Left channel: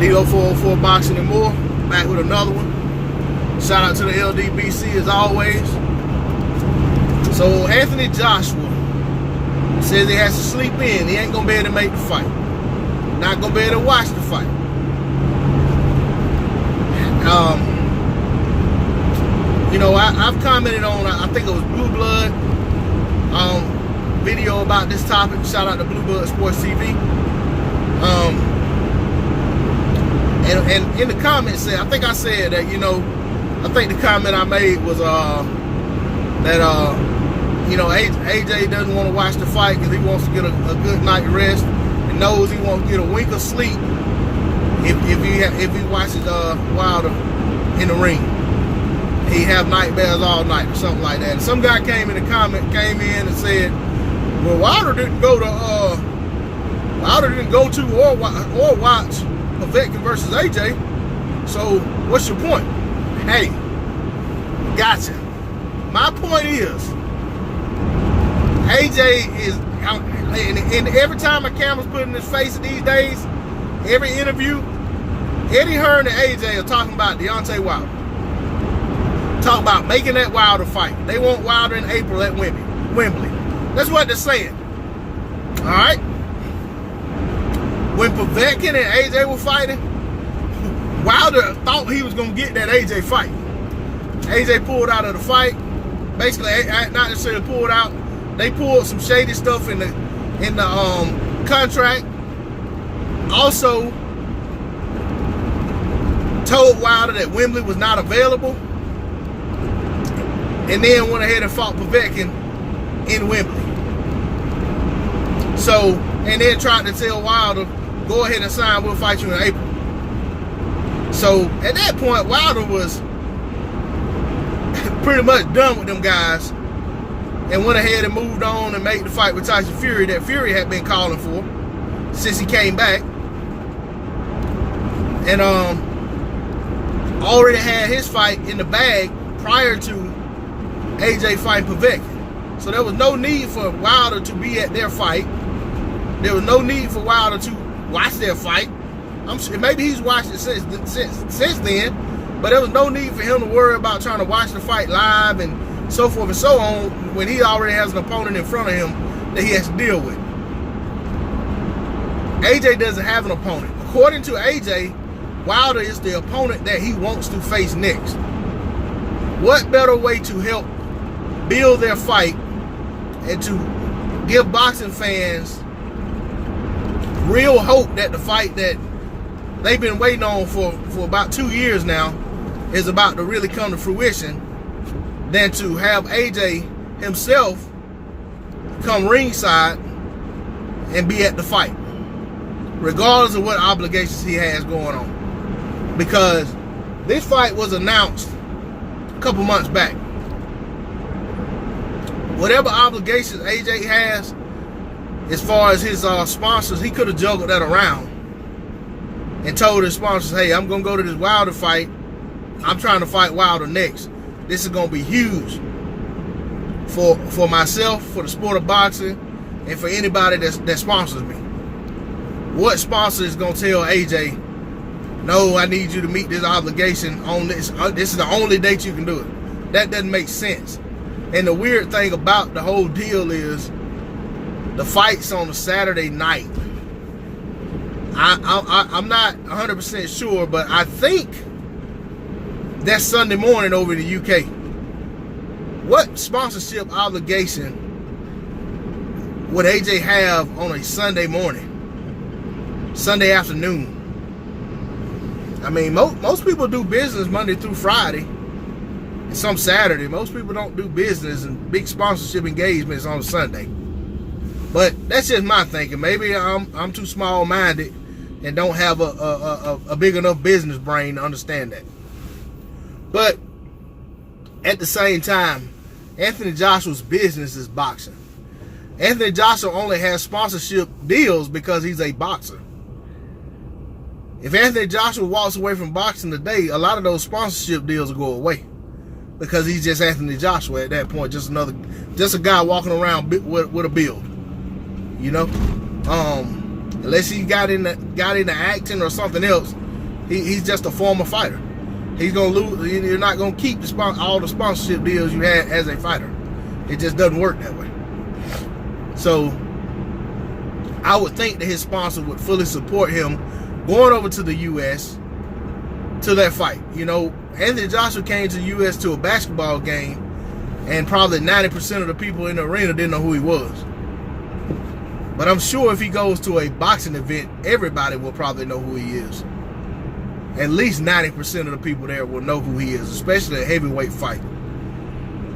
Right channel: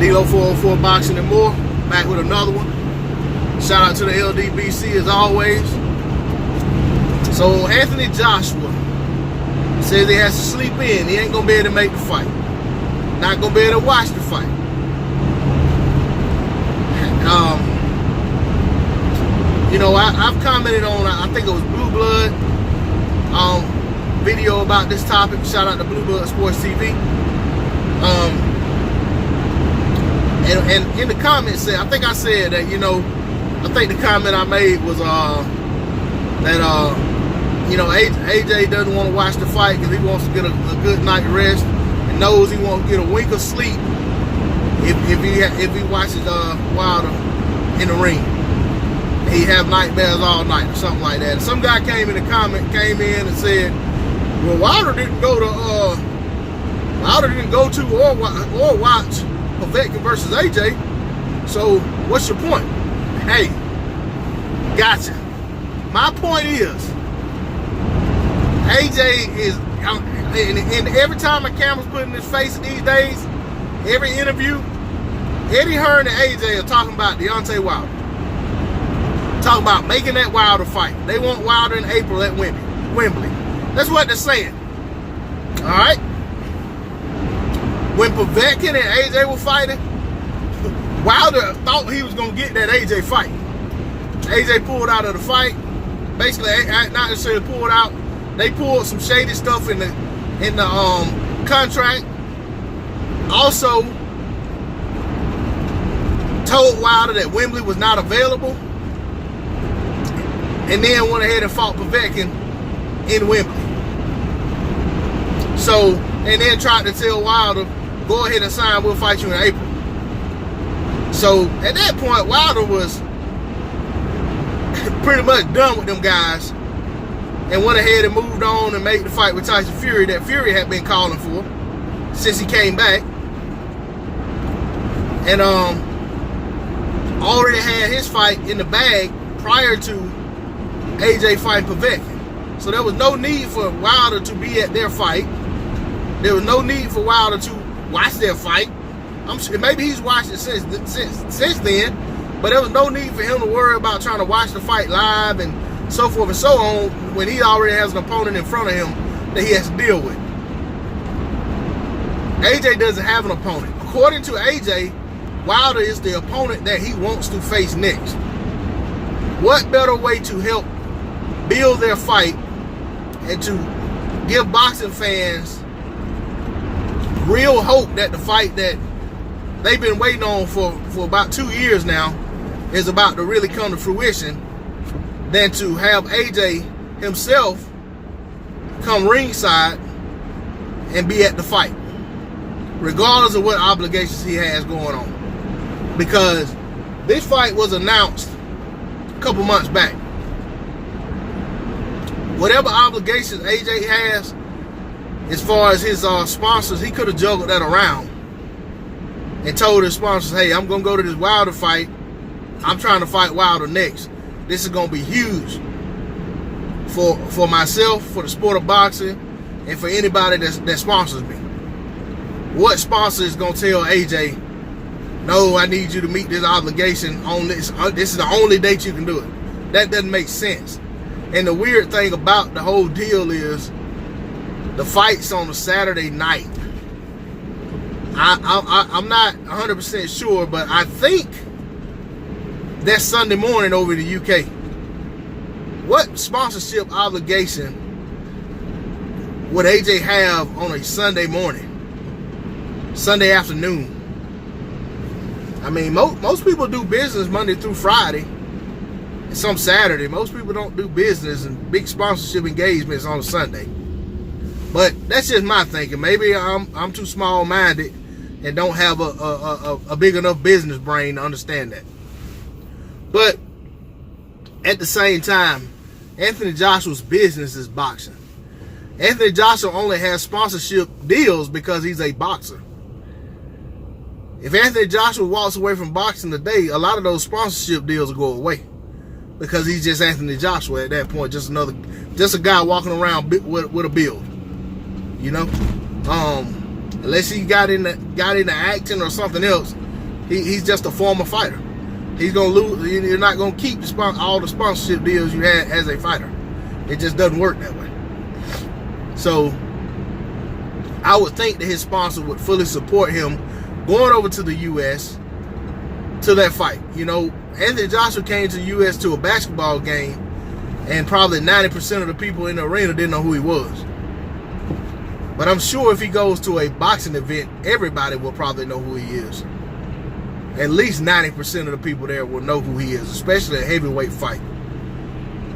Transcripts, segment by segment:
D0404 Boxing and More, back with another one. Shout out to the LDBC as always. So Anthony Joshua says he has to sleep in. He ain't gonna be able to make the fight. Not gonna be able to watch the fight. You know, I've commented on, I think it was Blue Blood video about this topic. Shout out to Blue Blood Sports TV. And in the comments, I think I said that, you know, I think the comment I made was that you know, AJ doesn't want to watch the fight because he wants to get a good night rest and knows he won't get a wink of sleep if he watches Wilder in the ring. He have nightmares all night or something like that. And some guy came in and said, well, Wilder didn't go to or watch Povetkin versus AJ. So what's your point? Hey, gotcha. My point is, AJ is, and every time a camera's put in his face these days, every interview, Eddie Hearn and AJ are talking about Deontay Wilder. Talking about making that Wilder fight. They want Wilder in April at Wembley. That's what they're saying. All right? When Povetkin and AJ were fighting, Wilder thought he was going to get that AJ fight. AJ pulled out of the fight. Basically, not necessarily pulled out. They pulled some shady stuff in the contract. Also, told Wilder that Wembley was not available. And then went ahead and fought Povetkin in Wembley. So, and then tried to tell Wilder, go ahead and sign, we'll fight you in April. So, at that point, Wilder was pretty much done with them guys and went ahead and moved on and made the fight with Tyson Fury that Fury had been calling for since he came back. And already had his fight in the bag prior to AJ fighting Povetkin. So there was no need for Wilder to be at their fight. There was no need for Wilder to watch their fight. I'm sure maybe he's watched it since then, but there was no need for him to worry about trying to watch the fight live and so forth and so on when he already has an opponent in front of him that he has to deal with. AJ doesn't have an opponent. According to AJ, Wilder is the opponent that he wants to face next. What better way to help build their fight and to give boxing fans real hope that the fight that they've been waiting on for about 2 years now is about to really come to fruition than to have AJ himself come ringside and be at the fight, regardless of what obligations he has going on. Because this fight was announced a couple months back. Whatever obligations AJ has as far as his sponsors, he could have juggled that around and told his sponsors, hey, I'm going to go to this Wilder fight. I'm trying to fight Wilder next. This is going to be huge for myself, for the sport of boxing, and for anybody that sponsors me. What sponsor is going to tell AJ, no, I need you to meet this obligation on this. This is the only date you can do it. That doesn't make sense. And the weird thing about the whole deal is the fight's on a Saturday night. I'm not 100% sure, but I think that's Sunday morning over in the UK. What sponsorship obligation would AJ have on a Sunday morning, Sunday afternoon? I mean, most people do business Monday through Friday, and some Saturday. Most people don't do business and big sponsorship engagements on a Sunday. But that's just my thinking. Maybe I'm too small-minded and don't have a big enough business brain to understand that. But at the same time, Anthony Joshua's business is boxing. Anthony Joshua only has sponsorship deals because he's a boxer. If Anthony Joshua walks away from boxing today, a lot of those sponsorship deals will go away because he's just Anthony Joshua at that point, just a guy walking around with a build, you know. Unless he got into acting or something else, He's just a former fighter. He's gonna lose. You're not gonna keep all the sponsorship deals you had as a fighter. It just doesn't work that way. So I would think that his sponsor would fully support him going over to the U.S. to that fight. You know, Anthony Joshua came to the U.S. to a basketball game, and probably 90% of the people in the arena didn't know who he was. But I'm sure if he goes to a boxing event, everybody will probably know who he is. At least 90% of the people there will know who he is, especially a heavyweight fight.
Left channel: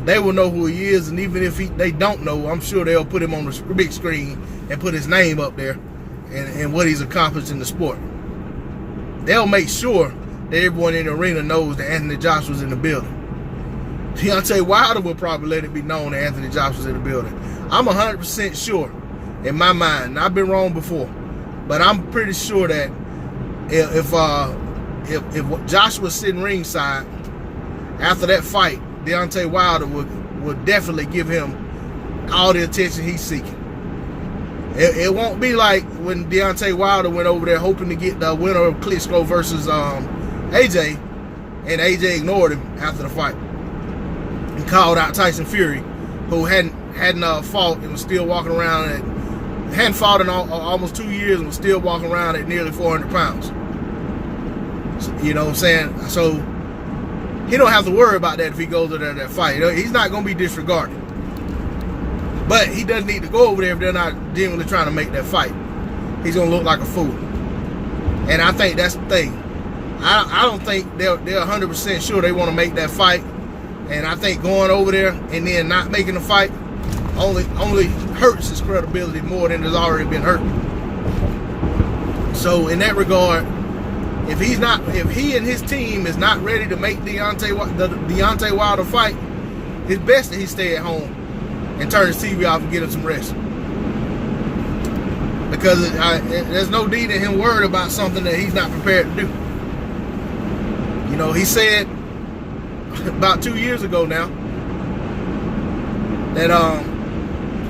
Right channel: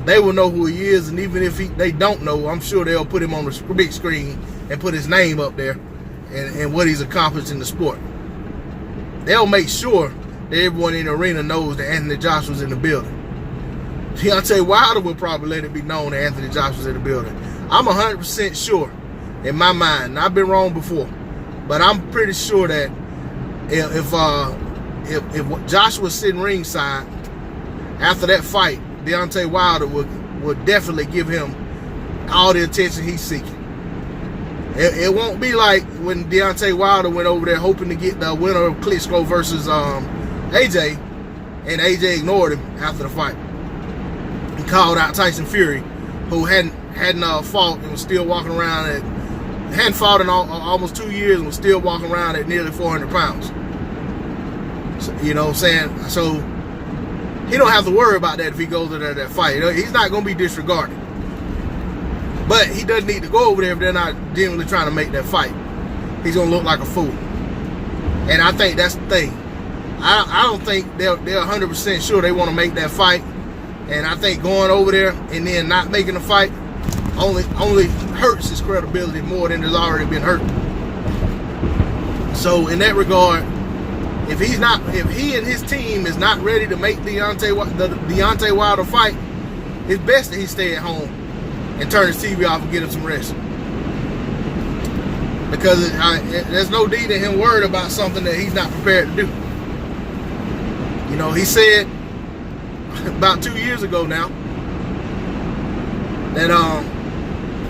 They will know who he is, and even if they don't know, I'm sure they'll put him on the big screen and put his name up there and what he's accomplished in the sport. They'll make sure that everyone in the arena knows that Anthony Joshua's in the building. Deontay Wilder will probably let it be known that Anthony Joshua's in the building. I'm 100% sure in my mind, and I've been wrong before, but I'm pretty sure that if Joshua's sitting ringside after that fight, Deontay Wilder would definitely give him all the attention he's seeking. It won't be like when Deontay Wilder went over there hoping to get the winner of Klitschko versus AJ, and AJ ignored him after the fight. He called out Tyson Fury, who hadn't fought and was still walking around hadn't fought in almost 2 years and was still walking around at nearly 400 pounds. So, you know what I'm saying? So he don't have to worry about that if he goes to that fight. He's not going to be disregarded. But he doesn't need to go over there if they're not genuinely trying to make that fight. He's going to look like a fool. And I think that's the thing. I don't think they're 100% sure they want to make that fight. And I think going over there and then not making the fight only hurts his credibility more than has already been hurt. So in that regard, if he and his team is not ready to make the Deontay Wilder fight, it's best that he stay at home and turn his TV off and get him some rest. Because there's no need in him worried about something that he's not prepared to do. You know, he said about 2 years ago now that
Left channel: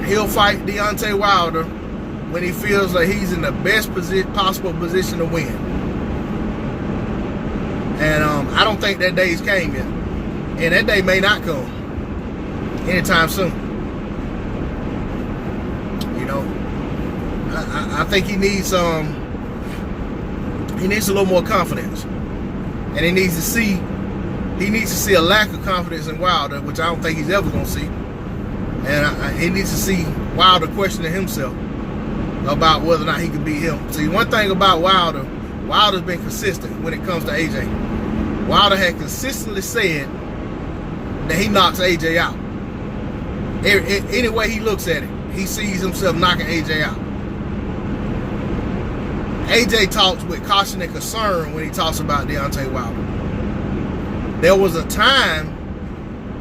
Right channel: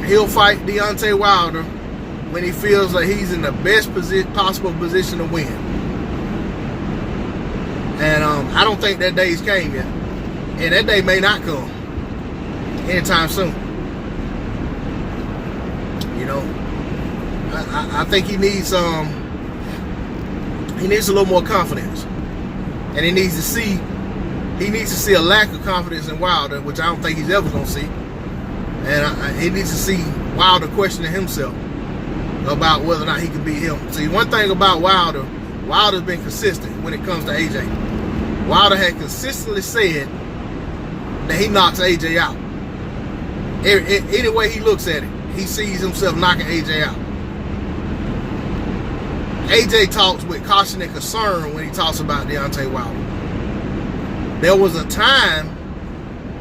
he'll fight Deontay Wilder when he feels like he's in the best possible position to win. And I don't think that day's came yet. And that day may not come anytime soon. You know, I think he needs a little more confidence. And he needs to see a lack of confidence in Wilder, which I don't think he's ever going to see. And he needs to see Wilder questioning himself about whether or not he can beat him. See, one thing about Wilder's been consistent when it comes to AJ. Wilder had consistently said that he knocks AJ out. Any way he looks at it, he sees himself knocking AJ out. AJ talks with caution and concern when he talks about Deontay Wilder. There was a time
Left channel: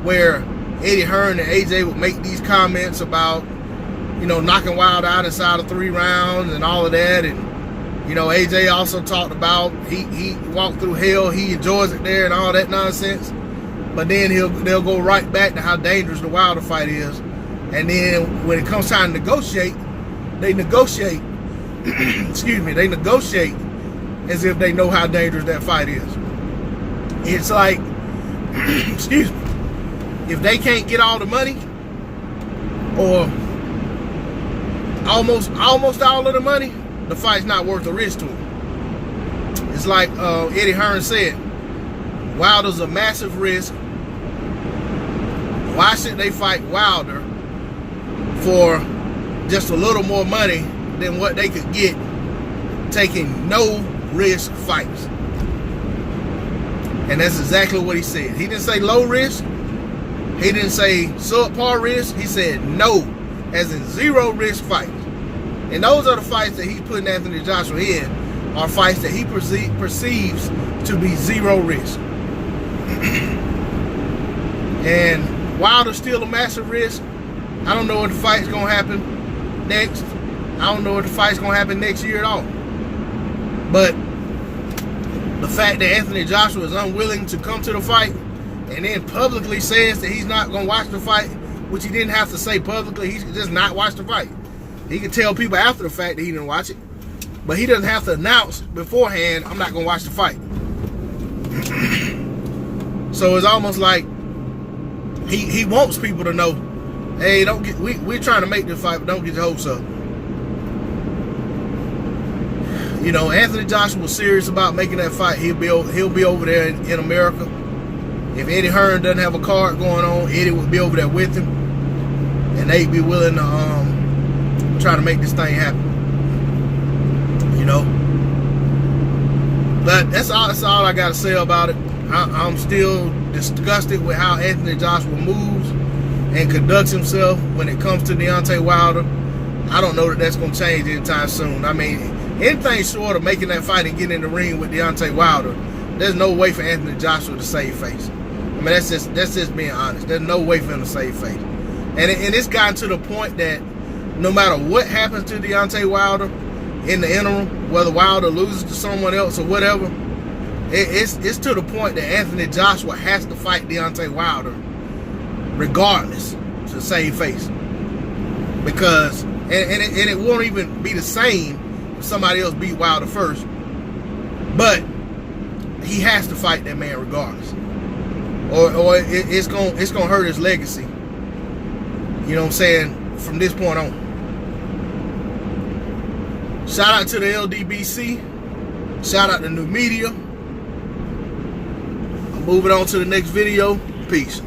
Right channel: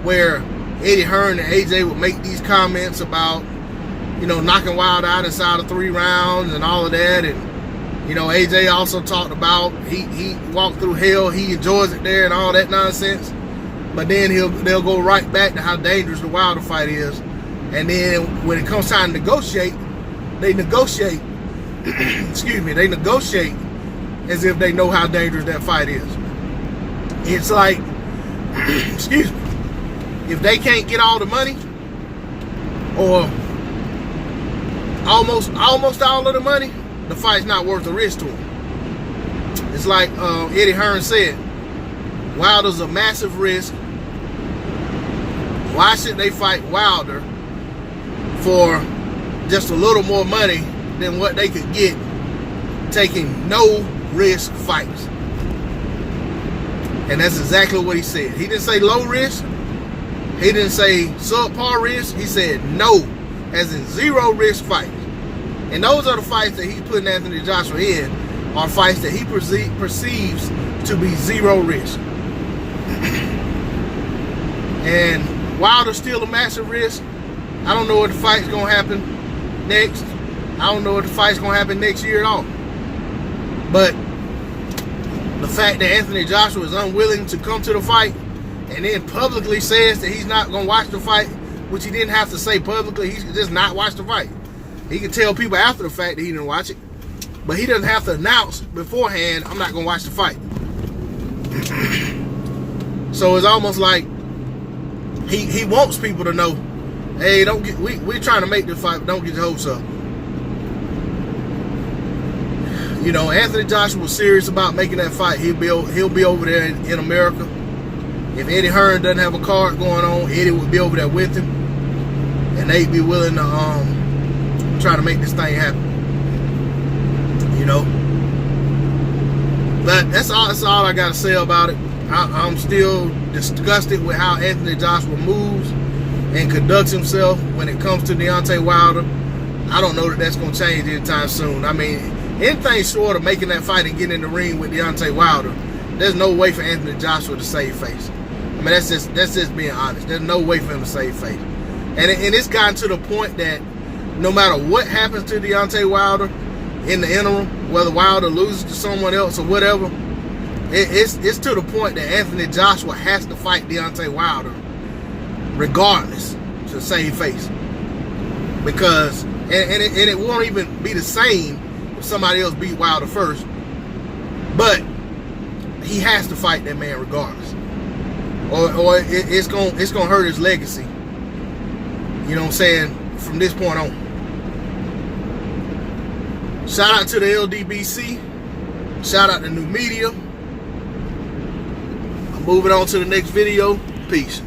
where Eddie Hearn and AJ would make these comments about, you know, knocking Wilder out inside of 3 rounds and all of that. And, you know, AJ also talked about he walked through hell, he enjoys it there and all that nonsense. But then they'll go right back to how dangerous the Wilder fight is. And then when it comes time to negotiate, they negotiate, they negotiate as if they know how dangerous that fight is. It's like, if they can't get all the money, or almost all of the money, the fight's not worth the risk to them. It's like Eddie Hearn said, Wilder's a massive risk. Why should they fight Wilder for just a little more money than what they could get taking no risk fights? And that's exactly what he said. He didn't say low risk. He didn't say subpar risk. He said no, as in zero risk fights. And those are the fights that he's putting Anthony Joshua in, are fights that he perceives to be zero risk. And Wilder's still a massive risk. I don't know what the fight's going to happen next. I don't know what the fight's going to happen next year at all. But the fact that Anthony Joshua is unwilling to come to the fight and then publicly says that he's not going to watch the fight, which he didn't have to say publicly, he should just not watch the fight. He can tell people after the fact that he didn't watch it, but he doesn't have to announce beforehand, I'm not going to watch the fight. So it's almost like he wants people to know, hey, don't get we're trying to make this fight, but don't get your hopes up. You know, Anthony Joshua was serious about making that fight. He'll be over there in America. If Eddie Hearn doesn't have a card going on, Eddie would be over there with him, and they'd be willing to try to make this thing happen. You know, but that's all I got to say about it. I'm still disgusted with how Anthony Joshua moves and conducts himself when it comes to Deontay Wilder. I don't know that that's going to change anytime soon. I mean, anything short of making that fight and getting in the ring with Deontay Wilder, there's no way for Anthony Joshua to save face. I mean, that's just being honest. There's no way for him to save face. And it's gotten to the point that no matter what happens to Deontay Wilder in the interim, whether Wilder loses to someone else or whatever, it's to the point that Anthony Joshua has to fight Deontay Wilder regardless to save face. Because, and it won't even be the same if somebody else beat Wilder first, but he has to fight that man regardless. Or it's gonna hurt his legacy. You know what I'm saying? From this point on. Shout out to the LDBC. Shout out to New Media. I'm moving on to the next video. Peace.